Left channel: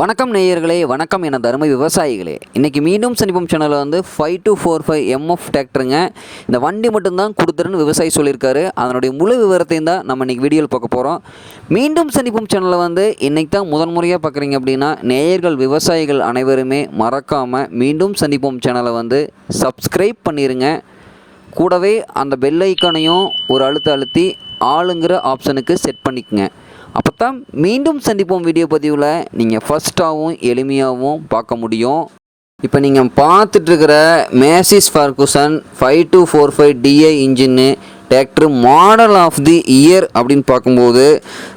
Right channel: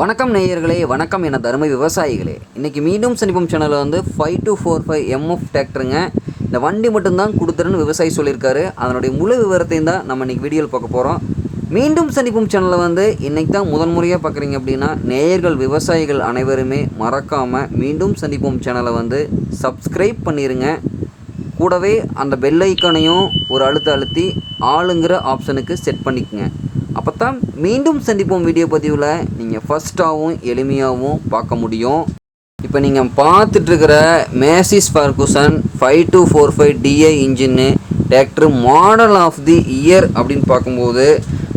வணக்கம் நேயர்களே, வணக்கம் என தருமை விவசாயிகளே. இன்றைக்கி மீண்டும் சந்திப்போம் சேனலில் வந்து 5245 MF டிராக்டருங்க. இந்த வண்டி மட்டும்தான் கொடுத்துருன்னு விவசாயி சொல்லியிருக்காரு. அதனுடைய முழு விவரத்தையும் தான் நம்ம இன்றைக்கி வீடியோவில் பார்க்க போகிறோம். மீண்டும் சந்திப்போம் சேனலில் வந்து இன்றைக்கி தான் முறையாக பார்க்குறீங்க அப்படின்னா நேயர்கள் விவசாயிகள் அனைவருமே மறக்காமல் மீண்டும் சந்திப்போம் சேனலை வந்து சப்ஸ்கிரைப் பண்ணிடுங்க. கூடவே அந்த பெல் ஐக்கானையும் ஒரு அழுத்தி ஆளுங்கிற ஆப்ஷனுக்கு செட் பண்ணிக்கங்க. அப்போ தான் மீண்டும் சந்திப்போம் வீடியோ பதிவில் நீங்கள் ஃபஸ்ட்டாகவும் எளிமையாகவும் பார்க்க முடியும். இப்போ நீங்கள் பார்த்துட்ருக்கிற மேசிஸ் ஃபர்குசன் 5245 DI இன்ஜின்னு tractor model of the year அப்படின்னு பார்க்கும்போது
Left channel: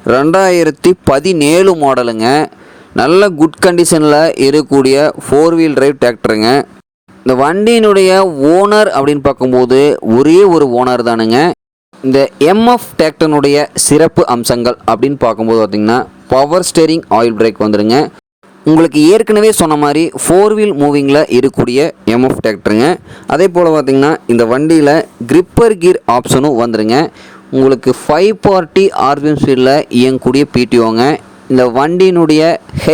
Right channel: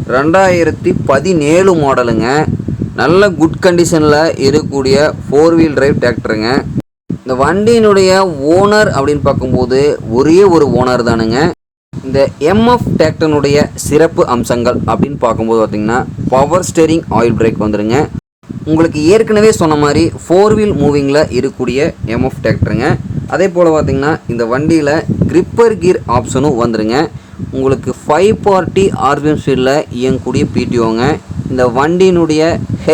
2017 மாடலுங்க. நல்ல குட் கண்டிஷனில் இருக்கக்கூடிய 4 வீல் டிரைவ் டிராக்டருங்க. இந்த வண்டியினுடைய ஓனர் அப்படின்னு பார்க்கும்போது ஒரே ஒரு ஓனர் தானுங்க. இந்த MF டிராக்டருடைய சிறப்பு அம்சங்கள் அப்படின்னு பார்க்கும்போது பார்த்திங்கன்னா பவர் ஸ்டேரிங் ஆயில் பிரேக் வந்துடுங்க. உங்களுக்கு ஏற்கனவே சொன்ன மாதிரி 4 வீல் மூவிங்கில் இருக்கக்கூடிய MF டிராக்டருங்க. அதே போல் பார்த்திங்கன்னா இந்த வண்டியில் கிரிப்பர் கீர் ஆப்ஷனும் வந்துடுங்க. உங்களுக்கு 540 RPM ஸ்பீடில் இயங்கக்கூடிய PTOங்க. இந்த வண்டியினுடைய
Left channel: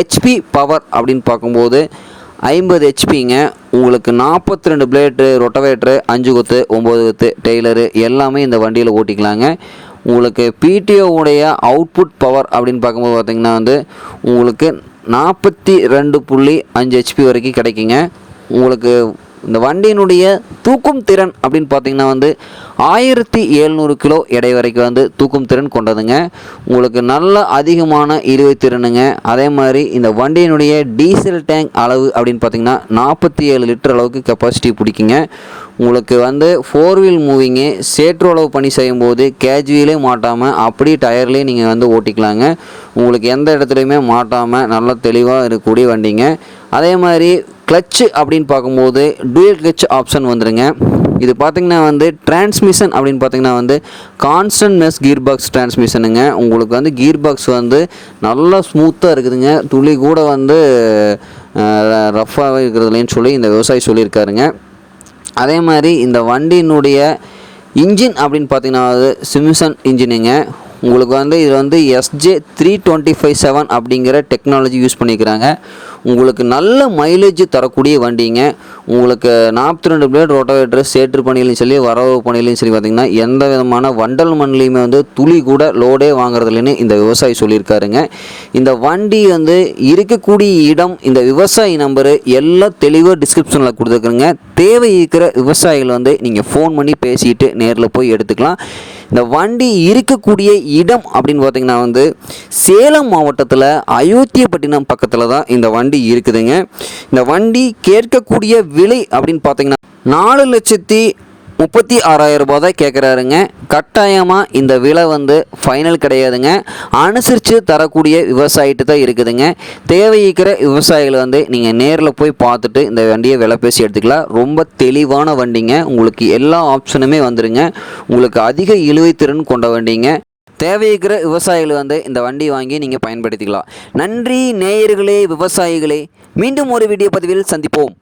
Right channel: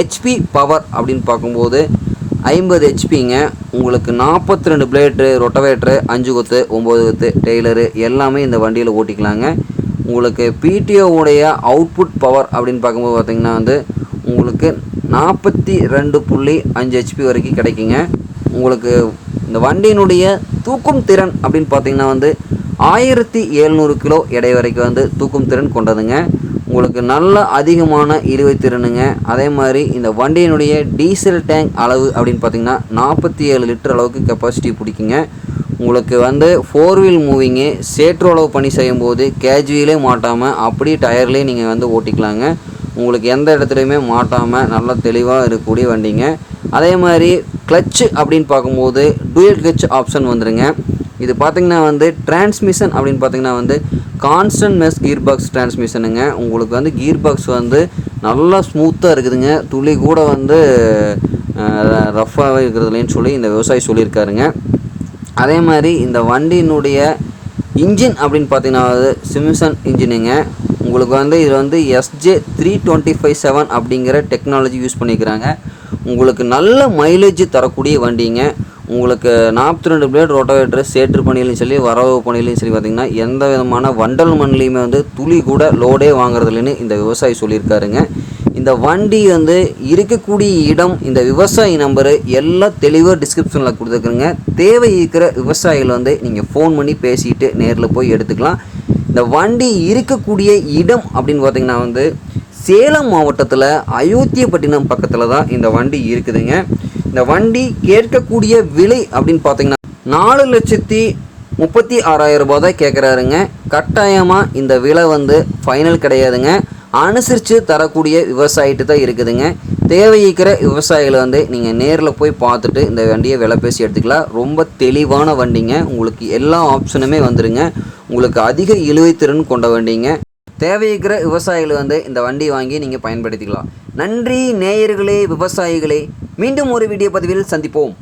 HP பவர் அப்படின்னு பார்க்கும்போது 50 HPங்க. உங்களுக்கு 42 பிளேட்டு, ரொட்டவேட்ரு, 5 கொத்து, 9 கொத்து, டெய்லரு எல்லாமே இந்த வண்டியில் ஓட்டிக்கலாங்க. உங்களுக்கு PTOவுடைய அவுட்புட் பவர் அப்படின்னு பார்க்கும்போது பார்த்திங்கன்னா வந்து உங்களுக்கு 42.5 HP வரைக்கும் கிடைக்குங்க. உங்களுக்கு இந்த வண்டியினுடைய தூக்கும் திறன் அப்படின்னு பார்த்திங்கன்னா வந்து 1700 கிலோ எடை வரைக்கும் வந்து தூக்கும் திறன் கொண்டதுங்க. உங்களுக்கு நல்ல அதிகமான இழுவை திறனுங்க. அதே மாதிரி இந்த வண்டியினுடைய டீசல் டேங்க் அளவு அப்படின்னு பார்த்திங்கன்னா 47 லிட்டர் அளவுக்கு கெப்பாசிட்டி பிடிக்குங்க. உங்களுக்கு வந்து 4 வீல் மூவிங்கு சேற்று அளவு பணி செய்யும்போது கேஜுவிலே மாட்டாமல் அப்படியே டயர்லேயே நீங்கள் வந்து ஓட்டிக்கலாங்க. உங்களுக்கு எந்த இடத்துலையுமே மாட்டாமல் நல்ல தெளிவாக இருக்கக்கூடிய வண்டிங்க. அதே மாதிரி கிளச்சு அப்படின்னு பார்க்கும்போது டூயல் கிளச் ஆப்ஷன் வந்துடுங்க. இது பார்த்திங்கன்னா வந்து டிரான்ஸ்மிஷன் அப்படின்னு பார்த்திங்கன்னா வந்து கான்ஸ்டன்ட் மெஸ் கீர் பாக்ஸ் டிரான்ஸ்மிஷனுங்க. உங்களுக்கு வந்து கீர் பாக்ஸ் வந்து நல்லா ஸ்மூத்தாக இருக்குதுங்க. துளி கூட வந்து ரஃப்பாகவே இருக்கிறதுலேன்னு சொல்லி இந்த விவசாயி சொல்லியிருக்காருங்க. அதே மாதிரி இந்த வண்டியினுடைய இன்ஜின் அப்படின்னு பார்த்திங்கன்னா சிம்சன் இன்ஜினுங்க. உங்களுக்கு வந்து இது வந்து SJ3257 அப்படிங்கிற டெக்னாலஜி யூஸ் பண்ணிக்கிறாங்க. உங்களுக்கு நல்ல மைலேஜ் தரக்கூடிய வண்டிங்க. உங்களுக்கு 42 பிளேட் ரோட்டோவேட்டர் சேற்று பணியிலையும் சரி வரவு பணியிலையும் சரி பார்த்திங்கன்னா எந்த விதமான வண்டல் மண்ணிலையுமே வந்து துளி கூட லோடே வாங்குறதுலன்னு இந்த விவசாயி சொல்லியிருக்காருங்க. இந்த வண்டி வந்து இருக்கக்கூடிய இடம், இந்த விவசாயி நம்பரு எல்லாம் தெளிவாக டிஸ்கிரிப்ஷனில் கொடுத்துருக்குறேங்க. தேவை இருக்கிற விவசாயிகள் வந்து நீங்கள் ஃபோன் பண்ணி பேசிட்டு நேரில் போய் எடுத்துக்கலாம். இந்த வண்டி இருக்கக்கூடிய இடம் அப்படின்னு பார்த்திங்கன்னா வந்து சேலம் மாவட்டத்தில் அயோத்தியப்பட்டினம் பக்கத்தில் தான் இந்த வண்டி இருக்குதுங்க. இந்த வண்டி கேட்கக்கூடிய விலை அப்படின்னு பார்த்தீங்கன்னா 4,36,000 ரூபாய் தான் கேட்குறாருங்க. கட்டாயமாக இந்த விலை வந்து ஃபைனல் கிடையாதுங்க. அனுசரித்து தரக்கூடிய விவசாயிட்டு தான் இருக்குதுங்க. தேவைக்கிற விவசாயிகளை வந்து நீங்கள் நேரில் போய் பார்த்துட்டு இந்த வண்டியை விலை பேசி எடுத்துக்கலாம். ரொம்ப தெளிவான வண்டிங்க. உங்களுக்கு எல்லா ஆப்ஷனுமே வந்துடுங்க. உங்களுக்கு அதிக இழுவைத்திறன் கொண்ட வண்டிங்க. தேவைக்கிற விவசாயிகள் வந்து இந்த வண்டி வாங்கி நீங்கள் பயன்படுத்திக்கலாம். நன்றி நேயர்களே, விவசாயிகளே. மீண்டும் ஒரு வீடியோ பதிவில் சந்திப்போம்.